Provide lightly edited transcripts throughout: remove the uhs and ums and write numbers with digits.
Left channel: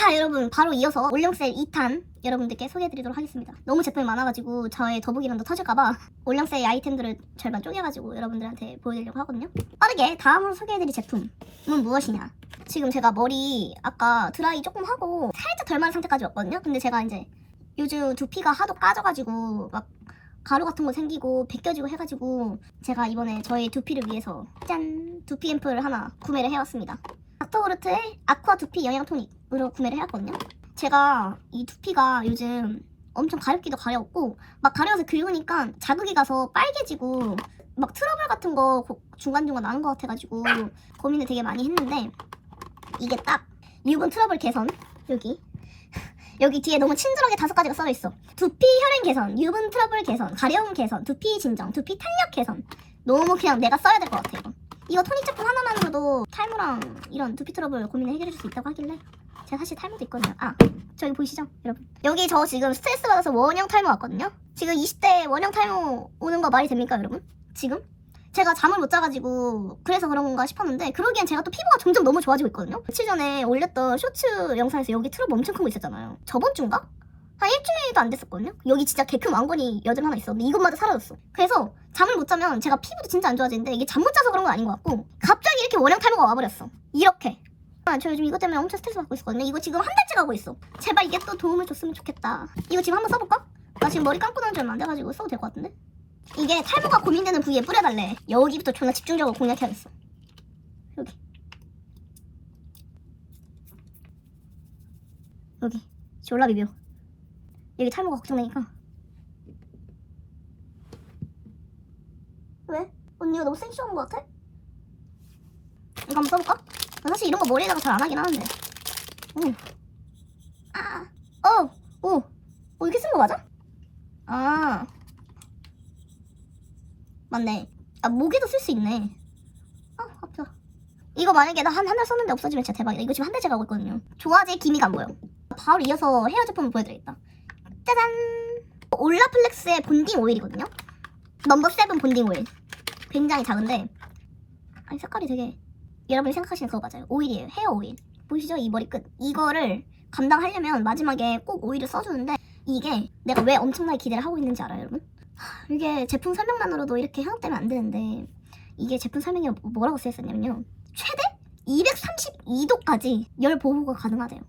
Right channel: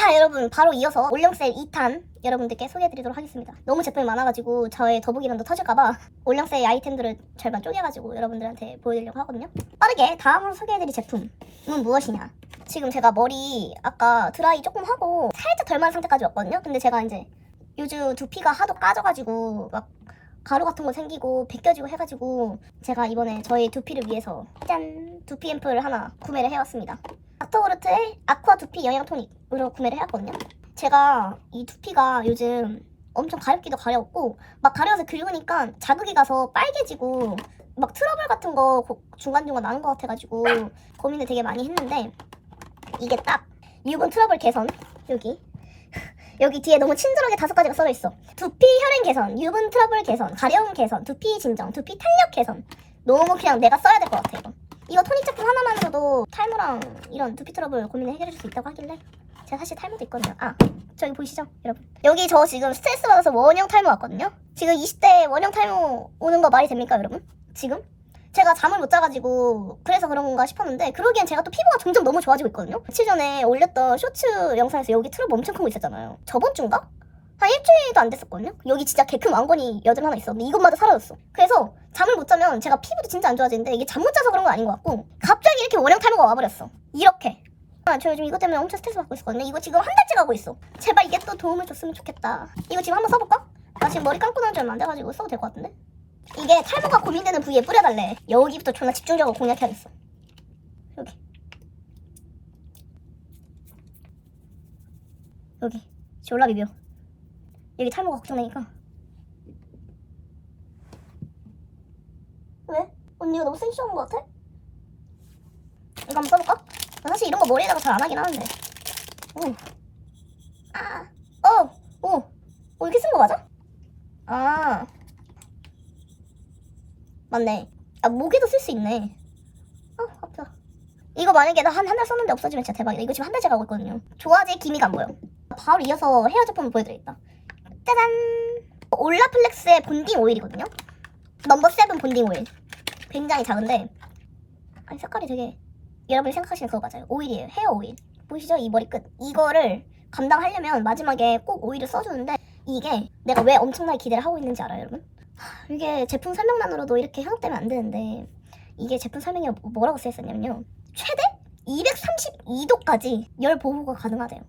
자 여러분, 바로 이어서 올영셀 2탄 여러분들께 소개해드리도록 하겠습니다. 너무 제품이 많아가지고 저의 더보기란도 터질까봐 올영셀 아이템들을 절반 쪼개가지고 여러분들한테 보여드리려고 하거든요. 빠르게 다음으로 소개해드릴 제품은 무엇이냐. 지금 제가 머리 아까 드라이 조금 하고 살짝 덜 마른 상태까지 왔거든요. 근데 제가 이제 요즘 두피가 하도 까져가지고 막 가루 같은 거 생기고 벗겨지고 해가지고 제가 이번에 저의 두피를 위해서 짠! 두피 앰플을 하나 구매를 해왔습니다. 닥터우르트의 아쿠아 두피 영양 토닉으로 구매를 해왔거든요. 제가 이 두피가 요즘 엄청 가렵기도 가렵고 막 가려워서 긁으니까 자극이 가서 빨개지고 막 트러블 같은 거 중간중간 나는 것 같아가지고 고민을 되게 많이 했는데 이게 딱 유분 트러블 개선 여기 뒤에 너무 친절하게 5가지가 써져있어. 두피 혈행 개선, 유분 트러블 개선, 가려움 개선, 두피 진정, 두피 탄력 개선. 너무 그냥 내가 써야 될 것 같아. 이거 토닉 제품 하나만으로도 탈모랑 이런 두피 트러블 고민을 해결해 줄 수 있다고 하길래 제가 사실 탈모도 있거든요. 저기 보이시죠 여러분? 여기 저 지금 스트레스 받아서 원형 탈모 왔거든요. 지금 20대 원형 탈모 오는 거 말이 됩니까 여러분? 지금? 제가 잠을 못 자가지고 그래서 그런 건가 싶었는데 그러기엔 제가 또 피부가 점점 너무 좋아지고 있거든요. 며칠 전에 올렸던 쇼츠 영상에서 여기 트러블 엄청 큰 거 있었잖아요. 저번 주인가? 한 일주일도 안 됐었거든요. 여기 진짜 개 큰 왕건이 여드름 하나 있었는데 이것마저 사라졌어. 그래서 잠을 못 자면 제가 피부도 진짜 안 좋아지는데 이게 잠 못 자서 그런 건 아닌 것 같고 갑자기 이렇게 원형 탈모가 와버렸어. 이렇게. 저 요즘 이것 때문에 엄청 스트레스 받고 있었거든요. 이거 지금 한 달째 가고 있어. 제발 이게 또 도움을 줬으면 좋겠다. 이거 지금 한번 써볼까? 나 지금 머리 감고 난 지 얼마 안 돼가지고 써도 될 것 같은데? 이게 탈모가 고민되는 부위에 뿌려달래. 여기부터 존나 집중적으로 공략해야겠어. 여기 졸라 비벼. 여기 탈모가 걱정되니까. 왜? 언니가 너무 센시한 것 같아? 이거 한번 써볼까? 나 사실 이런 거 머리에다가 잘 안 하긴 하는데. 이렇게 쓴 거 맞아? 맞네. 목에도 쓸 수 있네. 아파. 이거 만약에 나 한 달 썼는데 없어지면 진짜 대박이다. 이거 지금 한 달째 가고 있거든요. 좋아질 기미가 안 보여. 바로 이어서 헤어 제품을 보여드리겠다. 짜잔! 올라플렉스의 본딩 오일이거든요. 넘버 7 본딩 오일. 굉장히 작은데 색깔이 되게 여러분이 생각하시는 그거 맞아요. 오일이에요. 헤어 오일. 보이시죠? 이 머리끝. 이거를 감당하려면 마지막에 꼭 오일을 써주는데 이게 내가 왜 엄청나게 기대를 하고 있는지 알아요 여러분? 이게 제품 설명만으로도 이렇게 현혹되면 안 되는데 이게 제품 설명에 뭐라고 쓰였었냐면요. 최대 232도까지 열 보호가 가능하대요.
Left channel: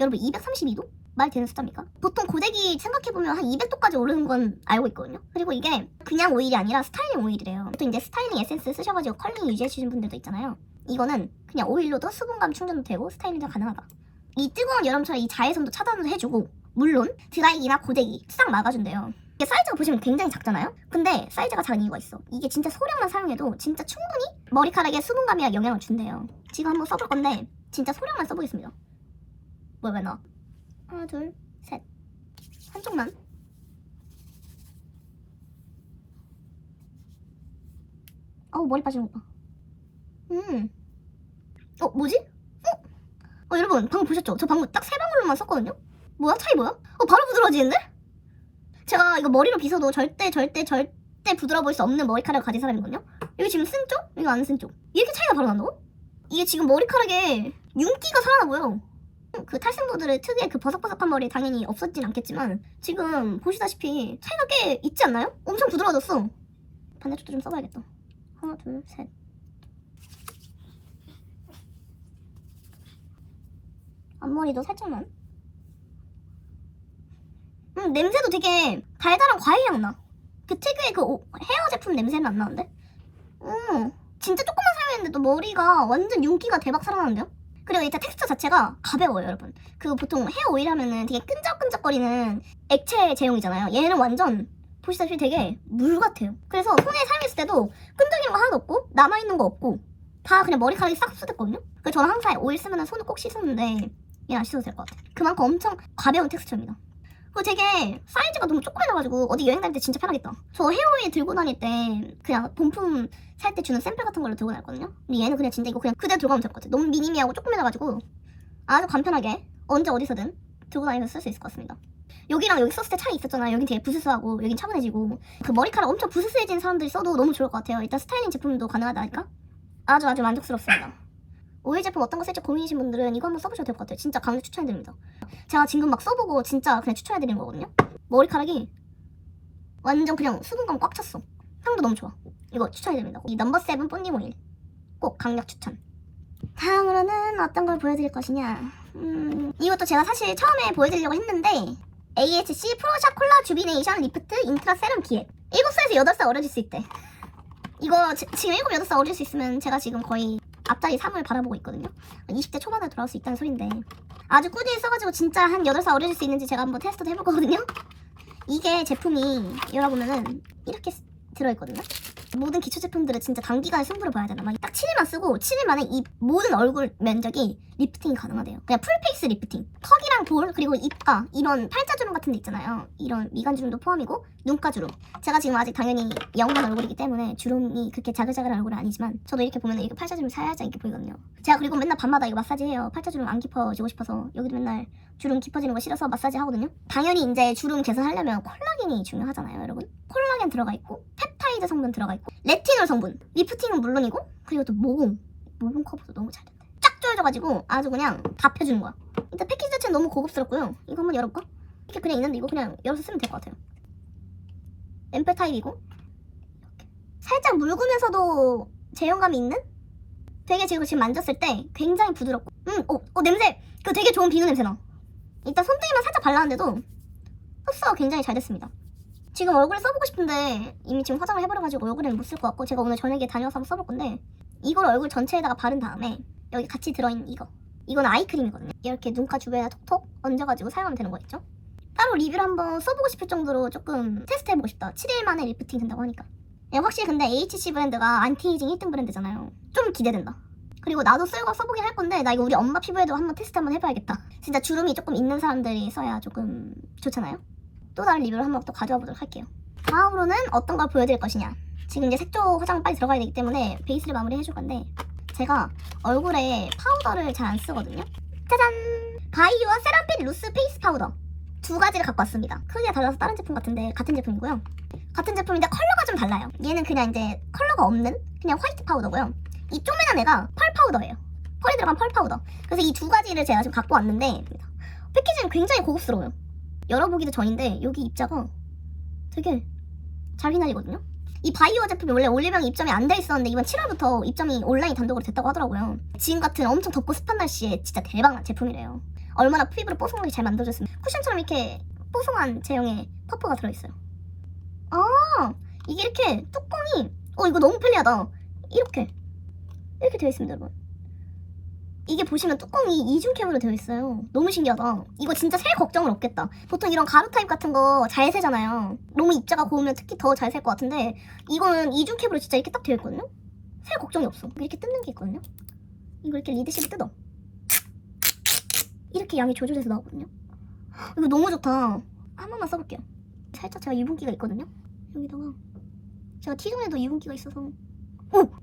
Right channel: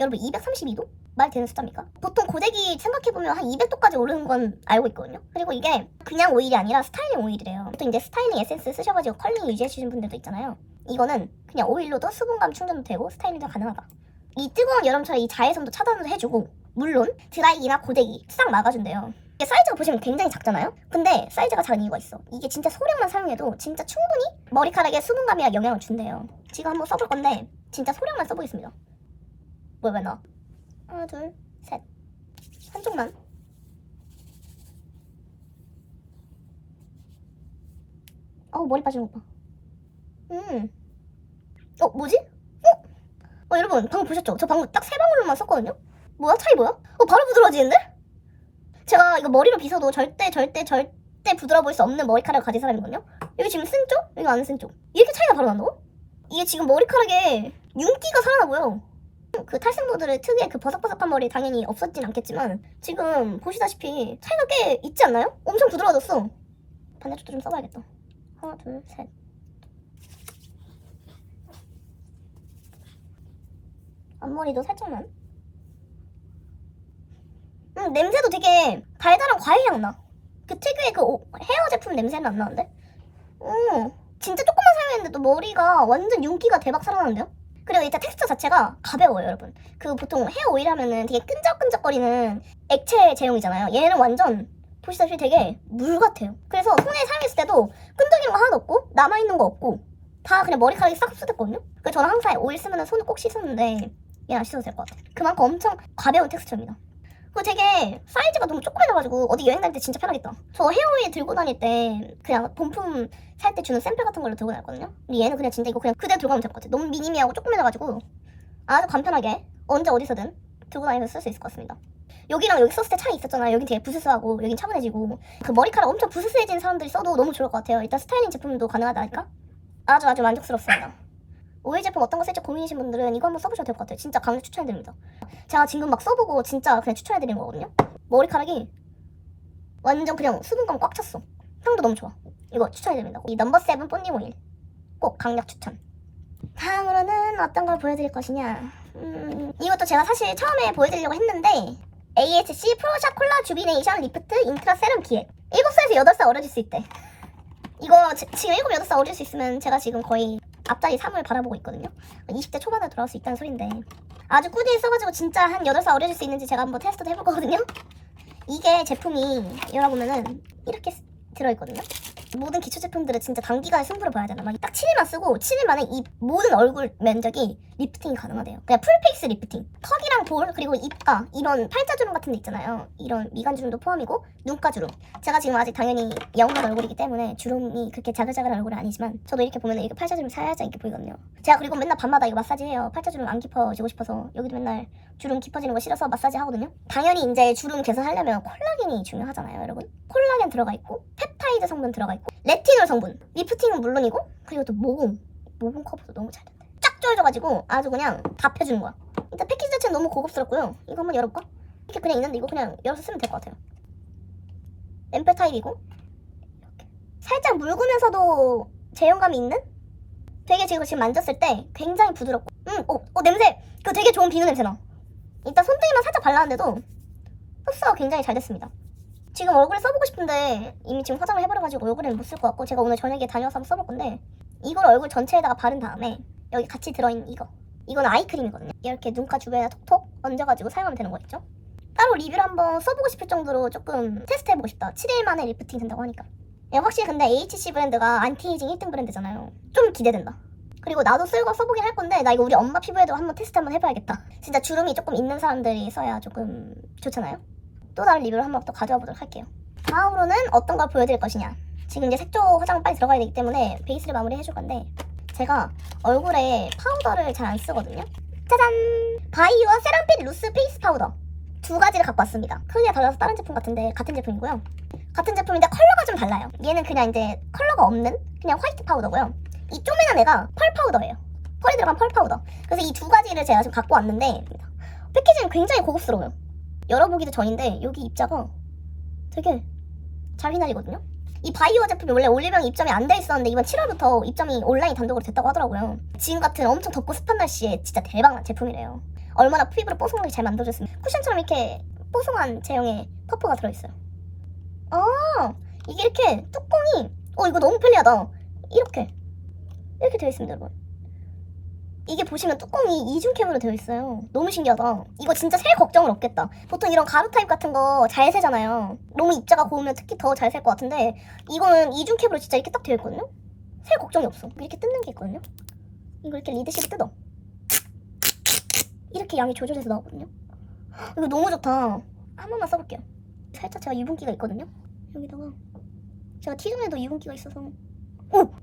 여러분 232도? 말 되는 숫자입니까? 보통 고데기 생각해보면 한 200도까지 오르는 건 알고 있거든요. 그리고 이게 그냥 오일이 아니라 스타일링 오일이래요. 보통 이제 스타일링 에센스 쓰셔가지고 컬링 유지해주시는 분들도 있잖아요. 이거는 그냥 오일로도 수분감 충전도 되고 스타일링도 가능하다. 이 뜨거운 여름철에 이 자외선도 차단도 해주고 물론 드라이기나 고데기 싹 막아준대요. 이게 사이즈가 보시면 굉장히 작잖아요? 근데 사이즈가 작은 이유가 있어. 이게 진짜 소량만 사용해도 진짜 충분히 머리카락에 수분감이랑 영향을 준대요. 지금 한번 써볼 건데 진짜 소량만 써보겠습니다. 왜 나? 하나 둘 셋. 한쪽만. 머리 빠지는 것 봐. 뭐지? 여러분 방금 보셨죠? 저 방금 딱 3방울만 썼거든요? 뭐야? 차이 뭐야? 바로 부드러워지는데? 제가 이거 머리로 빗어도 절대 부드러워 보일 수 없는 머리카락을 가진 사람이거든요? 여기 지금 쓴 쪽? 여기 안 쓴 쪽. 이렇게 차이가 바로 난다고? 이게 지금 머리카락에 윤기가 살아나 보여. 그 탈색모들의 특유의 그 버석버석한 머리 당연히 없어지진 않겠지만 지금 보시다시피 차이가 꽤 있지 않나요? 엄청 부드러워졌어. 반대쪽도 좀 써봐야겠다. 하나 둘 셋. 앞머리도 살짝만. 냄새도 되게 달달한 과일향 나. 그 특유의 그 헤어 제품 냄새는 안 나는데? 진짜 조금만 사용했는데도 머리가 완전 윤기가 대박 살아나는데요? 그리고 일단 텍스처 자체가 가벼워요 여러분. 그 보통 헤어 오일 하면은 되게 끈적끈적거리는 액체 제형이잖아요. 얘는 완전 보시다시피 되게 물 같아요. 그래서 손에 사용했을 때도 끈적이는 거 하나도 없고 남아있는 거 없고 다 그냥 머리카락이 싹 흡수됐거든요. 그래서 저는 항상 오일 쓰면 손을 꼭 씻었는데 얘는 안 씻어도 될 것 같아요. 그만큼 엄청 가벼운 텍스처입니다. 그리고 되게 사이즈가 너무 조그매져가지고 어디 여행 다닐 때 진짜 편하겠다. 저 헤어오일 들고 다닐 때 그냥 본품 살 때 주는 샘플 같은 걸로 들고 다녔거든요. 근데 얘는 그냥 진짜 이거 그냥 그대로 들고 가면 될 것 같아. 너무 미니미하고 조그매져가지고 아주 간편하게 언제 어디서든 들고 다니면서 쓸 수 있을 것 같습니다. 여기랑 여기 썼을 때 차이 있었잖아요. 여긴 되게 부스스하고 여긴 차분해지고 그 머리카락 엄청 부스스해진 사람들이 써도 너무 좋을 것 같아요. 일단 스타일링 제품도 가능하다니까 아주 만족스럽습니다. 오일 제품 어떤 거 쓸지 고민이신 분들은 이거 한번 써보셔도 될 것 같아요. 진짜 강력 추천해드립니다. 제가 지금 막 써보고 진짜 그냥 추천해드리는 거거든요. 머리카락이 완전 그냥 수분감 꽉 찼어. 향도 너무 좋아. 이거 추천해드립니다. 이 넘버 7 본딩 오일 꼭 강력 추천. 다음으로는 어떤 걸 보여드릴 것이냐. 이것도 제가 사실 처음에 보여드리려고 했는데 AHC 프로샤 콜라 주비네이션 리프트 인트라 세럼 기획. 7살에서 8살 어려질 수 있대. 이거 지금 7, 8살 어릴 수 있으면 제가 지금 거의 앞자리 3을 바라보고 있거든요. 20대 초반에 돌아올 수 있다는 소린데 아주 꾸준히 써가지고 진짜 한 8살 어려질 수 있는지 제가 한번 테스트도 해볼 거거든요. 이게 제품이 열어보면은 이렇게 들어있거든요. 모든 기초 제품들은 진짜 단기간에 승부를 봐야 되나. 막 딱 7일만 쓰고 7일 만에 이 모든 얼굴 면적이 리프팅이 가능하대요. 그냥 풀페이스 리프팅. 턱이랑 볼 그리고 입가 이런 팔자주름 같은 데 있잖아요. 이런 미간주름도 포함이고 눈가주름. 제가 지금 아직 당연히 영한 얼굴이기 때문에 주름이 그렇게 자글자글한 얼굴은 아니지만 저도 이렇게 보면 이렇게 팔자주름 살짝 이렇게 보이거든요. 제가 그리고 맨날 밤마다 이거 마사지 해요. 팔자주름 안 깊어지고 싶어서 여기도 맨날 주름 깊어지는 거 싫어서 마사지 하거든요. 당연히 이제 주름 개선하려면 콜라겐이 중요하잖아요, 여러분. 콜라겐 들어가 있고 펩타이드 성분 들어가 있고 레티놀 성분, 리프팅은 물론이고 그리고 또 모공 커버도 너무 잘 된대. 쫙 조여져가지고 아주 그냥 다 펴주는 거야. 일단 패키지 자체는 너무 고급스럽고요. 이거 한번 열어볼까? 이렇게 그냥 있는데 이거 그냥 열어서 쓰면 될 것 같아요. 앰플 타입이고 이렇게 살짝 묽으면서도 제형감이 있는? 되게 지금 만졌을 때 굉장히 부드럽고 냄새! 그거 되게 좋은 비누 냄새나. 일단 손등에만 살짝 발랐는데도 흡수가 굉장히 잘 됐습니다. 지금 얼굴에 써보고 싶은데 이미 지금 화장을 해버려가지고 얼굴에는 못 쓸 것 같고 제가 오늘 저녁에 다녀와서 한번 써볼 건데 이걸 얼굴 전체에다가 바른 다음에 여기 같이 들어있는 이거는 아이크림이거든요. 이렇게 눈가 주변에 톡톡 얹어가지고 사용하면 되는 거겠죠? 따로 리뷰를 한번 써보고 싶을 정도로 조금 테스트해보고 싶다. 7일 만에 리프팅 된다고 하니까. 확실히 근데 AHC 브랜드가 안티에이징 1등 브랜드잖아요. 좀 기대된다. 그리고 나도 써보긴 할 건데 나 이거 우리 엄마 피부에도 한번 테스트 한번 해봐야겠다. 진짜 주름이 조금 있는 사람들이 써야 조금 좋잖아요. 또 다른 리뷰를 한번 또 가져와 보도록 할게요. 다음으로는 어떤 걸 보여드릴 것이냐. 지금 이제 색조 화장 빨리 들어가야 되기 때문에 베이스를 마무리 해줄 건데 제가 얼굴에 파우더를 잘 안 쓰거든요. 짜잔! 바이오와 세럼핏 루스 페이스 파우더 두 가지를 갖고 왔습니다. 크기가 달라서 다른 제품 같은데 같은 제품이고요. 같은 제품인데 컬러가 좀 달라요. 얘는 그냥 이제 컬러가 없는 그냥 화이트 파우더고요. 이 쪼매난 애가 펄 파우더예요. 펄이 들어간 펄 파우더. 그래서 이 두 가지를 제가 지금 갖고 왔는데 패키지는 굉장히 고급스러워요. 열어보기도 전인데 여기 입자가 되게 잘 휘날리거든요. 이 바이오 제품이 원래 올리브영 입점이 안 돼 있었는데 이번 7월부터 입점이 온라인 단독으로 됐다고 하더라고요. 지금 같은 엄청 덥고 습한 날씨에 진짜 대박난 제품이래요. 얼마나 피부를 뽀송하게 잘 만들어줬으면 쿠션처럼 이렇게 뽀송한 제형의 퍼프가 들어있어요. 이게 이렇게 뚜껑이 이거 너무 편리하다. 이렇게 되어 있습니다, 여러분. 이게 보시면 뚜껑이 이중캡으로 되어 있어요. 너무 신기하다. 이거 진짜 셀 걱정은 없겠다. 보통 이런 가루 타입 같은 거 잘 새잖아요. 너무 입자가 고우면 특히 더 잘 셀 것 같은데 이거는 이중캡으로 진짜 이렇게 딱 되어 있거든요. 셀 걱정이 없어. 이렇게 뜯는 게 있거든요. 이거 이렇게 리드식을 뜯어. 이렇게 양이 조절해서 나오거든요. 이거 너무 좋다. 한 번만 써볼게요. 살짝 제가 유분기가 있거든요. 여기다가 제가 T존에도 유분기가 있어서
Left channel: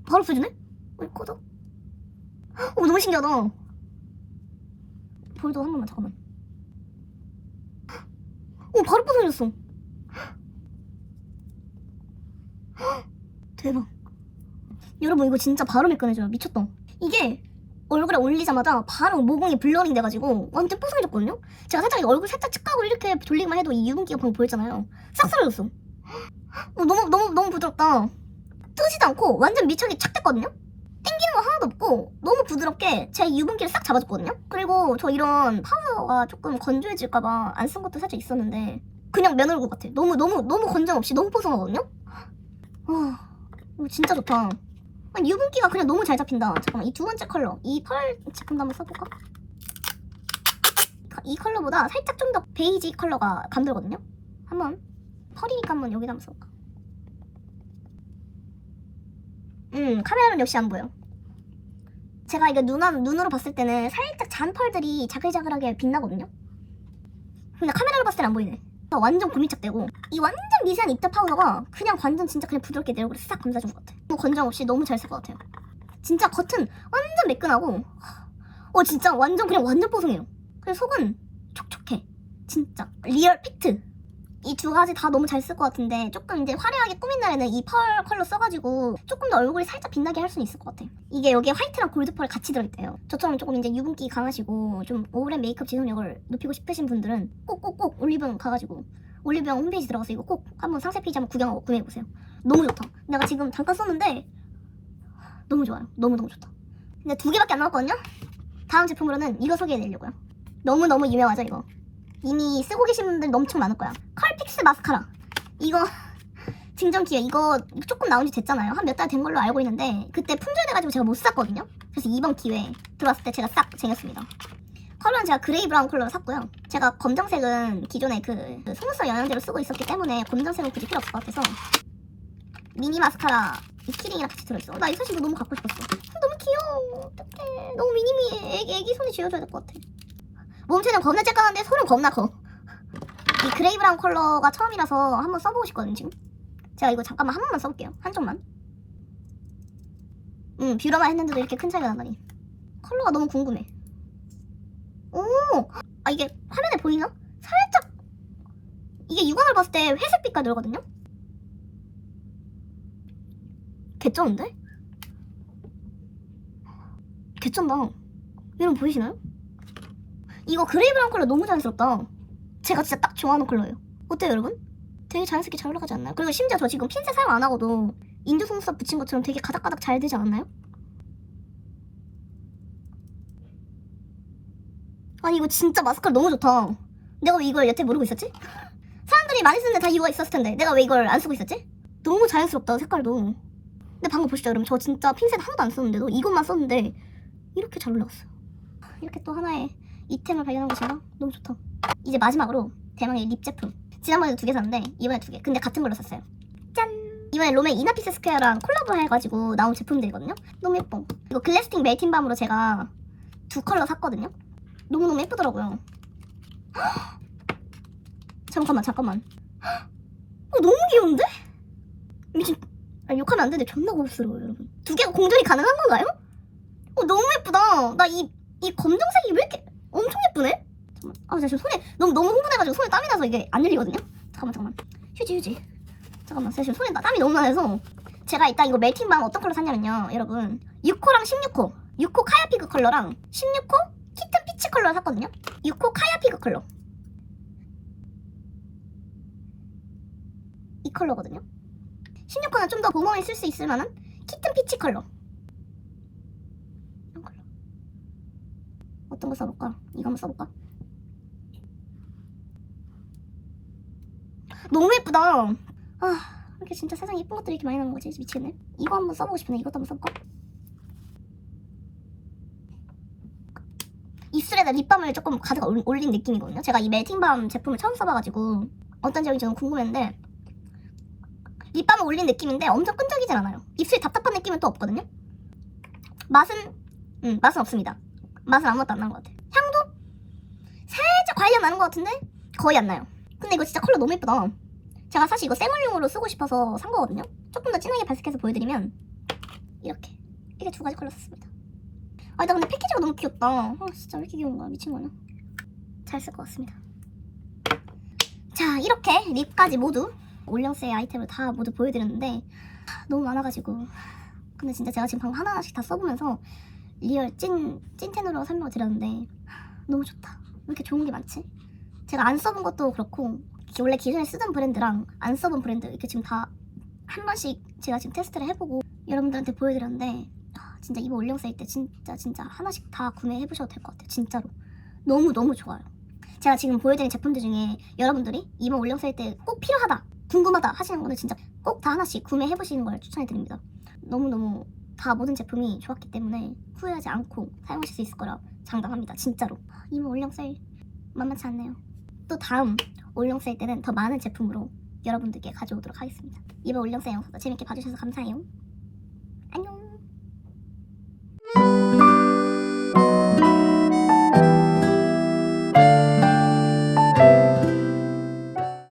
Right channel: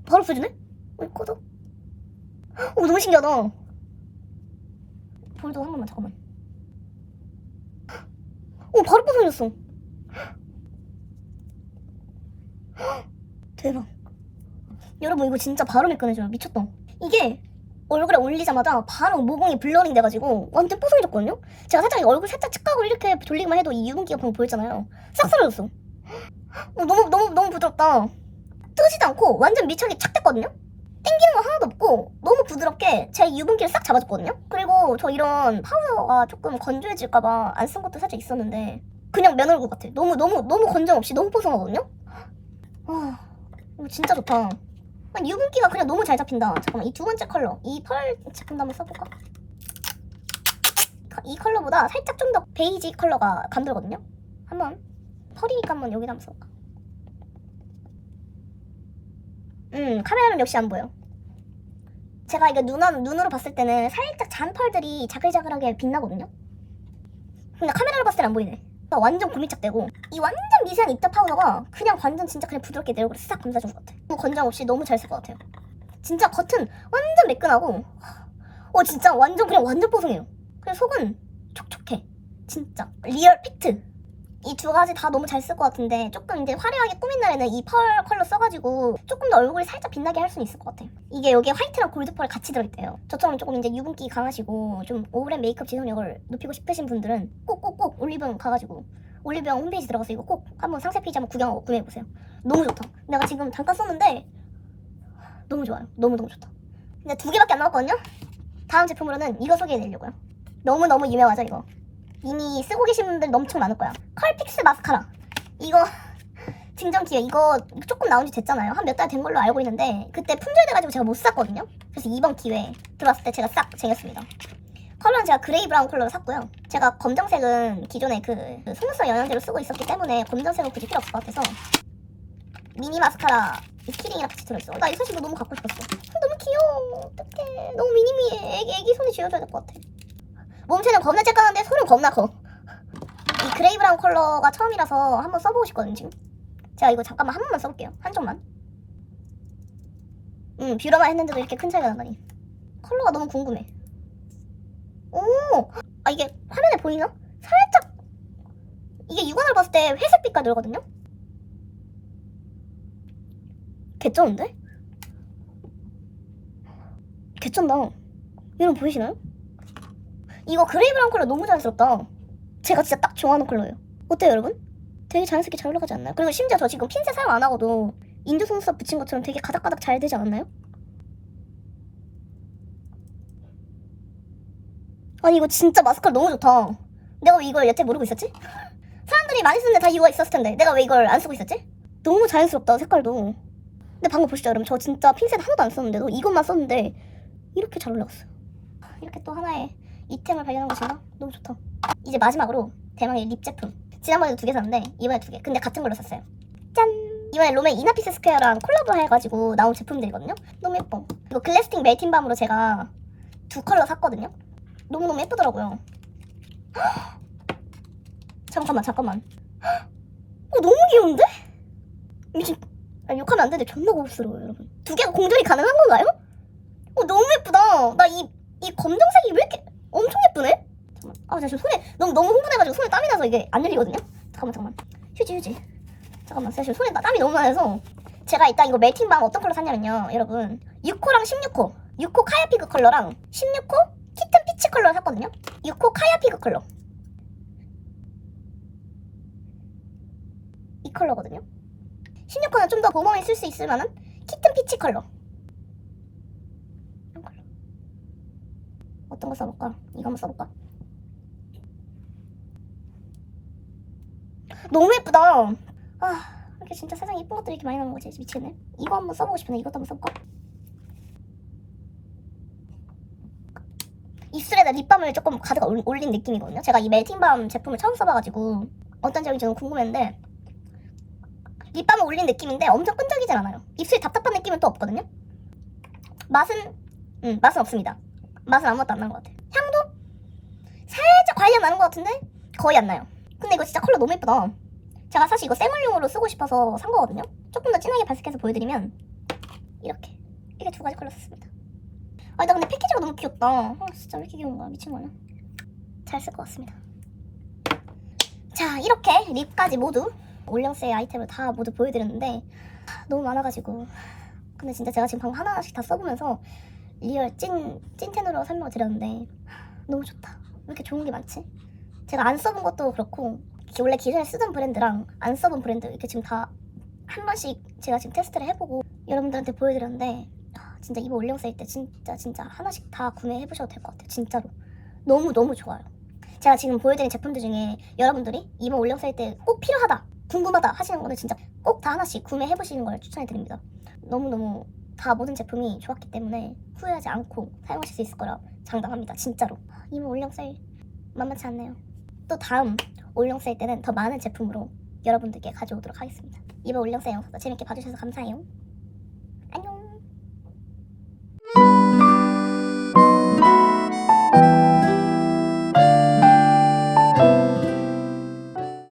바로 써주네? 꺼져. 너무 신기하다. 볼도 한 번만 잠깐만. 바로 뽀송해졌어. 대박. 여러분 이거 진짜 바로 매끈해져요. 미쳤다. 이게 얼굴에 올리자마자 바로 모공이 블러링 돼가지고 완전 뽀송해졌거든요. 제가 살짝 얼굴 살짝 측각으로 이렇게 돌리기만 해도 이 유분기가 방금 보였잖아요. 싹 사라졌어. 너무 부드럽다. 뜨지도 않고 완전 밀착이 착 됐거든요. 땡기는 거 하나도 없고 너무 부드럽게 제 유분기를 싹 잡아줬거든요. 그리고 저 이런 파우더가 조금 건조해질까봐 안 쓴 것도 살짝 있었는데 그냥 면 얼굴 같아. 너무 건조 없이 너무 뽀송하거든요. 이거 진짜 좋다. 유분기가 그냥 너무 잘 잡힌다. 잠깐만 이 두 번째 컬러 이 펄 제품도 한번 써볼까? 이 컬러보다 살짝 좀 더 베이지 컬러가 감돌거든요. 한번 펄이니까 한번 여기다 한번 써볼까? 카메라는 역시 안 보여. 제가 이거 눈으로 봤을 때는 살짝 잔 펄들이 자글자글하게 빛나거든요. 근데 카메라로 봤을 때는 안 보이네. 완전 고밀착되고 이 완전 미세한 입자 파우더가 그냥 완전 진짜 그냥 부드럽게 내 얼굴에 싹 감싸준 것 같아. 너무 건장 없이 너무 잘 쓸 것 같아요. 진짜 겉은 완전 매끈하고 진짜 완전 뽀송해요. 그리고 속은 촉촉해. 진짜 리얼 팩트. 이 두 가지 다 너무 잘 쓸 것 같은데 조금 이제 화려하게 꾸민 날에는 이 펄 컬러 써가지고 조금 더 얼굴이 살짝 빛나게 할 수는 있을 것 같아. 이게 여기에 화이트랑 골드 펄 같이 들어있대요. 저처럼 조금 이제 유분기 강하시고 좀 오랜 메이크업 지속력을 높이고 싶으신 분들은 꼭꼭꼭 올리브영 가가지고 올리브영 홈페이지 들어가서 이거 꼭 한번 상세 페이지 한번 구경하고 구매해보세요. 너무 좋다. 내가 지금 잠깐 썼는데 너무 좋아요. 너무너무 좋다. 근데 2개밖에 안 나왔거든요. 다음 제품으로는 이거 소개해드리려고요. 너무너무 유명하죠 이거. 이미 쓰고 계신 분들 엄청 많을 거야. 컬픽스 마스카라. 이거 증정기회. 이거 조금 나온 지 됐잖아요. 한 몇 달 된 걸로 알고 있는데 그때 품절돼가지고 제가 못 샀거든요. 그래서 이번 기회에 들어왔을 때 제가 싹 쟁였습니다. 컬러는 제가 그레이 브라운 컬러로 샀고요. 제가 검정색은 기존에 그 속눈썹 영양제로 쓰고 있었기 때문에 검정색은 굳이 필요 없을 것 같아서 미니 마스카라 이 키링이랑 같이 들어있어. 나 이 사실 너무 갖고 싶었어. 너무 귀여워. 어떡해. 너무 미니미해. 애기 손에 쥐어줘야 될 것 같아. 몸체는 겁나 쬐깐한데 손은 겁나 커. 이 그레이 브라운 컬러가 처음이라서 한번 써보고 싶거든요 지금. 제가 이거 잠깐만 한 번만 써볼게요. 한쪽만. 뷰러만 했는데도 이렇게 큰 차이가 나다니. 컬러가 너무 궁금해. 오! 아 이게 화면에 보이나? 살짝 이게 육안을 봤을 때 회색 빛깔 들거든요? 개쩌는데? 개쩐다. 여러분 보이시나요? 이거 그레이 브라운 컬러 너무 자연스럽다. 제가 진짜 딱 좋아하는 컬러예요. 어때요 여러분? 되게 자연스럽게 잘 올라가지 않나요? 그리고 심지어 저 지금 핀셋 사용 안 하고도 인조 속눈썹 붙인 것처럼 되게 가닥가닥 잘 되지 않았나요? 아니 이거 진짜 마스카라 너무 좋다. 내가 왜 이걸 여태 모르고 있었지? 사람들이 많이 쓰는데 다 이유가 있었을 텐데 내가 왜 이걸 안 쓰고 있었지? 너무 자연스럽다 색깔도. 근데 방금 보시죠 여러분, 저 진짜 핀셋 하나도 안 썼는데도 이것만 썼는데 이렇게 잘 올라갔어요. 이렇게 또 하나의 이템을 발견한 것인가? 너무 좋다. 이제 마지막으로 대망의 립 제품. 지난번에도 2개 샀는데 이번에 2개. 근데 같은 걸로 샀어요. 짠! 이번에 롬의 이나피스 스퀘어랑 콜라보 해가지고 나온 제품들이거든요. 너무 예뻐. 이거 글래스팅 멜팅 밤으로 제가 2 컬러 샀거든요. 너무너무 예쁘더라고요. 잠깐만. 너무 귀여운데? 미친. 아니, 욕하면 안 되는데 존나 고급스러워요 여러분. 2개가 공존이 가능한 건가요? 너무 예쁘다. 나 이 검정색이 왜 이렇게 엄청 예쁘네? 잠깐만. 아, 나 지금 손에 너무 흥분해가지고 손에 땀이 나서 이게 안 열리거든요? 잠깐만. 휴지. 잠깐만, 제가 지금 손에 땀이 너무 나서. 제가 이따 이거 멜팅밤 어떤 컬러 샀냐면요 여러분, 6호랑 16호 6호 카야피그 컬러랑 16호 키튼 피치 컬러를 샀거든요. 6호 카야피그 컬러 이 컬러거든요. 16호는 좀 더 봄웜에 쓸 수 있을 만한 키튼 피치 컬러. 이런 컬러 어떤 거 써볼까? 이거 한번 써볼까? 너무 예쁘다. 아, 이렇게 진짜 세상에 예쁜 것들이 이렇게 많이 나오는 거지. 미치겠네. 이거 한번 써보고 싶은데 이것도 한번 써볼까? 입술에다 립밤을 조금 가득 올린 느낌이거든요. 제가 이 멜팅밤 제품을 처음 써봐가지고 어떤 점이 좀 궁금했는데 립밤을 올린 느낌인데 엄청 끈적이진 않아요. 입술이 답답한 느낌은 또 없거든요. 맛은 없습니다. 맛은 아무것도 안 나는 것 같아요. 향도 살짝 과일향 나는 것 같은데 거의 안 나요. 근데 이거 진짜 컬러 너무 예쁘다. 제가 사실 이거 쌩얼용으로 쓰고 싶어서 산 거거든요. 조금 더 진하게 발색해서 보여드리면 이렇게 2가지 컬러 샀습니다. 아, 나 근데 패키지가 너무 귀엽다. 진짜 왜 이렇게 귀여운 거야? 미친 거냐? 잘 쓸 것 같습니다. 자, 이렇게 립까지 모두 올영세의 아이템을 다 모두 보여드렸는데 너무 많아가지고. 근데 진짜 제가 지금 방금 하나하나씩 다 써보면서 리얼 찐텐으로 설명을 드렸는데 너무 좋다. 왜 이렇게 좋은 게 많지? 제가 안 써본 것도 그렇고 원래 기존에 쓰던 브랜드랑 안 써본 브랜드 이렇게 지금 다 한 번씩 제가 지금 테스트를 해보고 여러분들한테 보여드렸는데 진짜 이번 올영세일 때 진짜 하나씩 다 구매해보셔도 될 것 같아요. 진짜로 너무 좋아요. 제가 지금 보여드린 제품들 중에 여러분들이 이번 올영세일 때 꼭 필요하다, 궁금하다 하시는 거는 진짜 꼭 다 하나씩 구매해보시는 걸 추천해드립니다. 너무너무 다 모든 제품이 좋았기 때문에 후회하지 않고 사용하실 수 있을 거라 장담합니다. 진짜로. 이번 올영세일 만만치 않네요. 또 다음 올영세일 때는 더 많은 제품으로 여러분들께 가져오도록 하겠습니다. 이번 올영세일 영상도 재밌게 봐주셔서 감사해요.